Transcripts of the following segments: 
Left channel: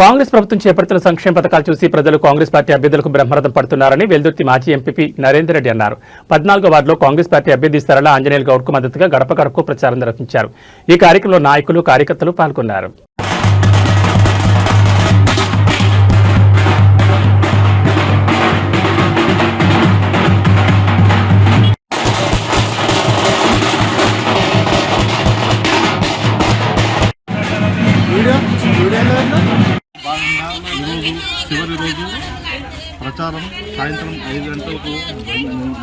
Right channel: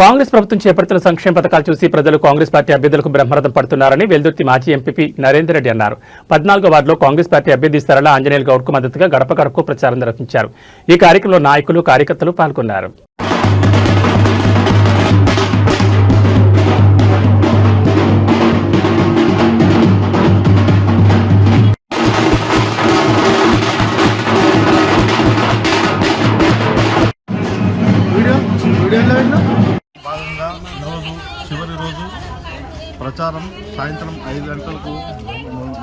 కాంగ్రెస్ ప్రభుత్వం చేపడుతున్న సంక్షేమ పథకాలు చూసి ప్రజలు కాంగ్రెస్ పార్టీ అభ్యర్థులకు బ్రహ్మరథం పడుతున్నారని వెల్దుర్తి మాజీ ఎంపీ నరేందర్ రెడ్డి అన్నారు. 14వ వార్డులో కాంగ్రెస్ పార్టీ అభ్యర్థి సరళ ఆంజనేయులు గౌడ్కు మద్దతుగా గడప గడపకు ప్రచారం నిర్వహించారు. ఈ కార్యక్రమంలో నాయకులు, కార్యకర్తలు పాల్గొన్నారు. భాగంగా ఈరోజు చివరి రోజు ప్రచారం సాయంత్రం 5 గంటలకు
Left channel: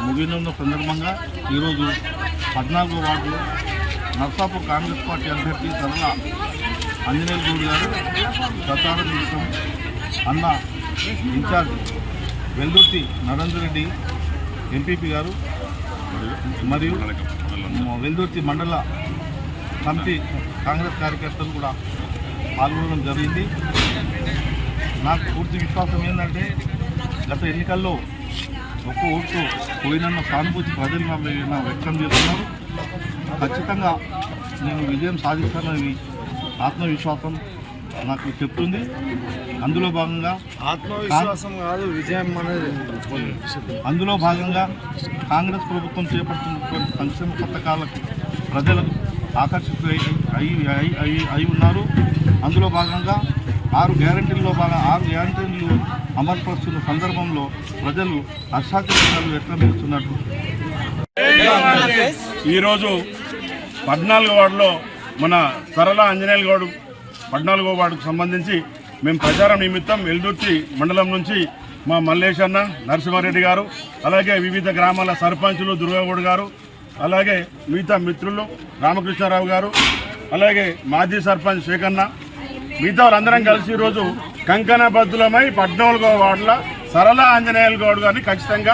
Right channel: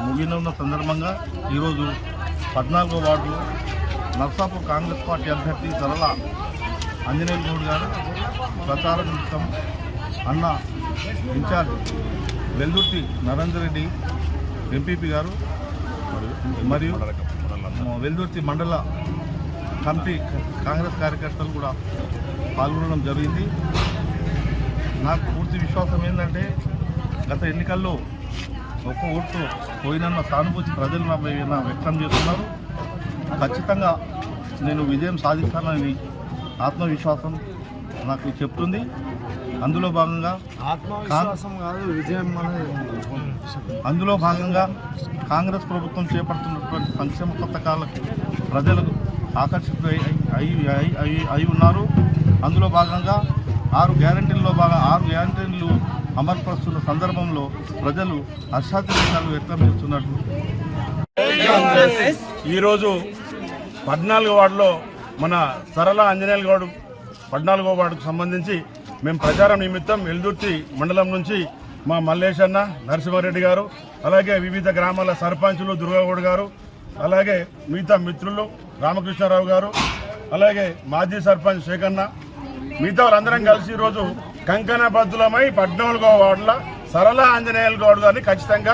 ముగినున్న సందర్భంగా ఈరోజు 14వ వార్డులో నర్సాపూర్ కాంగ్రెస్ పార్టీ అభ్యర్థి సరళ ఆంజనేయులు గౌడ్ గారు ప్రచారం నిమిత్తం అన్న ఇన్ఛార్జ్ వెల్దుర్తి నరేందర్ రెడ్డి ఎంపీపీ గారు మరియు వెల్దుర్తి మండల కమిటీ కాంగ్రెస్ కార్యకర్తలు కూడా పాల్గొనడం జరిగింది. నాకు పూర్తి విశ్వాసం ఏంటంటే గత ఎన్నికల్లో ఒక్క ఓటుతో పోయినన్న సానుభూతి ప్రజలు వ్యక్తం చేస్తున్నారు. ఖచ్చితంగా నేను విజయం సాధిస్తానని ఆత్మవిశ్వాసం నాకు చెప్తుంది. అందులో భాగంగా కాంగ్రెస్ ప్రభుత్వం చేపడుతున్నటువంటి సంక్షేమ పథకాలకు ప్రజలకు ఆకర్షితులు అయి ఉన్నారు. అందులో భాగంగా 6 గ్యారంటీలు అమలుపరుస్తున్న సందర్భంలో ప్రజలు హర్షాతిరేకాలు వ్యక్తం చేస్తున్నారు. ఈరోజు 14వ వార్డులో మన సరళ ఆంజనేయులు గౌడ్ 14వ వార్డుకు సంబంధించి మేము ప్రచారం నిమిత్తం వెల్దుర్తి మండలం నుంచి మా మల్లేష్ అన్న, నరసింహారెడ్డి గారు, అలాగే వివిధ గ్రామాల సర్పంచులు దుర్గాగౌడ్ గారు, అలాగే మిగతా మిత్రులు రామకృష్ణారావు గారు, అలాగే మాజీ సర్పంచ్ శేఖన్న, మిగతా వాళ్ళందరం కలిసి ఈరోజు కంకణబద్దులమై 14వ వార్డుల సరళ ఆంజనేయులు గౌడ్ గారిని ఖచ్చితంగా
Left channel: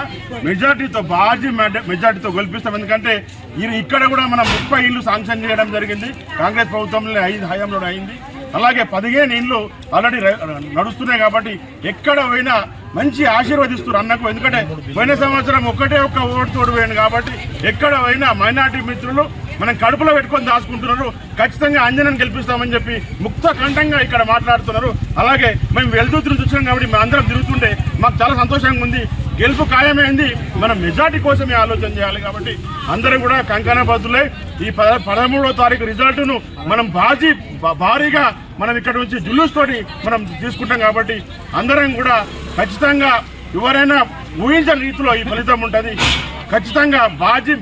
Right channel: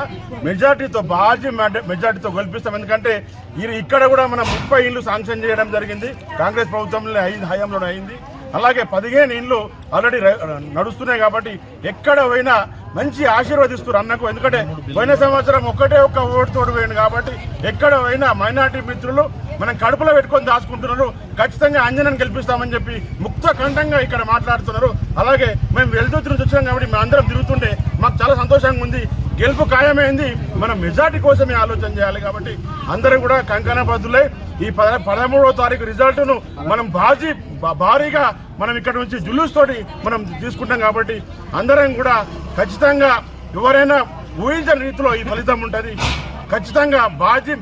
భారీ మెజార్టీతో గెలిపిస్తాం. ఎందుకంటే ఇక్కడ కూడా మనం 30 ఇళ్ళు శాంక్షన్ చేయడం జరిగింది. కాంగ్రెస్ ప్రభుత్వంలో హయాంలో అయింది. అలాగే 15 ఇండ్లు ఆల్రెడీ నడుస్తున్నాయి. కాబట్టి ఎక్కడ పోయినా మంచి ఆశీర్వదిస్తారు అన్నకు. ఎందుకంటే పోయిన సంవత్సరం ఒక్క ఓటుతోడు పోయింది. కాబట్టి ఎక్కడ పోయినా మైనార్టీ మిత్రులు మనం కడుపులో పెట్టుకొని దాచుకుంటున్నారు. ఖచ్చితంగా ఆంజనేయుని గెలిపిస్తామని చెప్పి ముక్త కంఠంగా ఇక్కడ మాట్లాడుతున్నారు. అలాగే మేము వెల్దుర్తి నుంచి వచ్చాం కాబట్టి మేము అందరం తిరుగుతుంటే మాకు చాలా సంతోషంగా ఉంది. గెలుపు ఖాయమైంది. మనం మెజార్టీ కోసమే ఆలోచన చేయాలి. కాబట్టి అందరం కూడా కంకణబద్దులై ఈ 13వ తారీఖు రిజల్ట్ను మనం భారీగా మనం ఇక్కడ నుంచి జులూస్ తోటి మనం తీసుకుంటాం. కాబట్టి అందరం కూడా ఖచ్చితంగా ఎవరైనా ఊహించని రీతిలో ఈ ఫలితం ఉంటుంది. ఖచ్చితంగా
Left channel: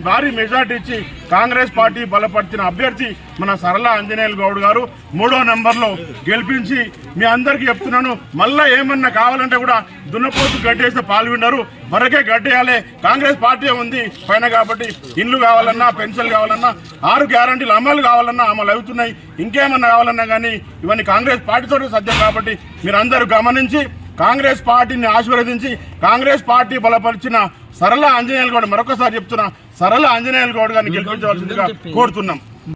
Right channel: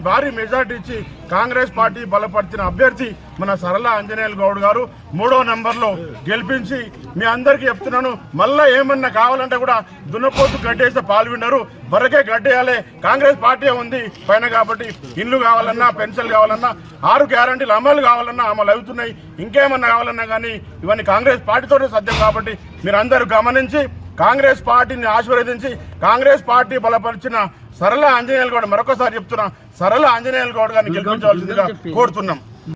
భారీ మెజార్టీ ఇచ్చి కాంగ్రెస్ పార్టీ బలపరిచిన అభ్యర్థి మన సరళ ఆంజనేయులు గౌడ్ గారు 3వ నెంబర్లో గెలిపించి మీ అందరికీ చెప్తున్నాను. మళ్ళా ఏమన్నా కావాలంటే కూడా దున్నపోతు గడ్డేస్తే పాల్గొన్నారు. వరకే గడ్డేయాలి. కాంగ్రెస్ పార్టీ ఉంది పైన. కాబట్టి ఇండ్లు కావాలన్నా, పెన్షన్లు కావాలన్నా, 6 గ్యారంటీలు అమలు కావాలన్నా అమలు అవుతున్నాయి. ఇంకేమన్నా కావాలన్నా కానీ ఇవన్నీ కాంగ్రెస్ పార్టీతోనే సాధ్యం. కాబట్టి మీరందరూ గమనించి కాంగ్రెస్ పార్టీని ఆశీర్వదించి కాంగ్రెస్ పార్టీ బలపరిచిన సరళ ఆంజనేయులు గౌడ్, మరొకసారి చెప్తున్నా, సరళ ఆంజనేయులు గౌడ్ గారిని గెలిపించవలసిందిగా కోరుతున్నాం.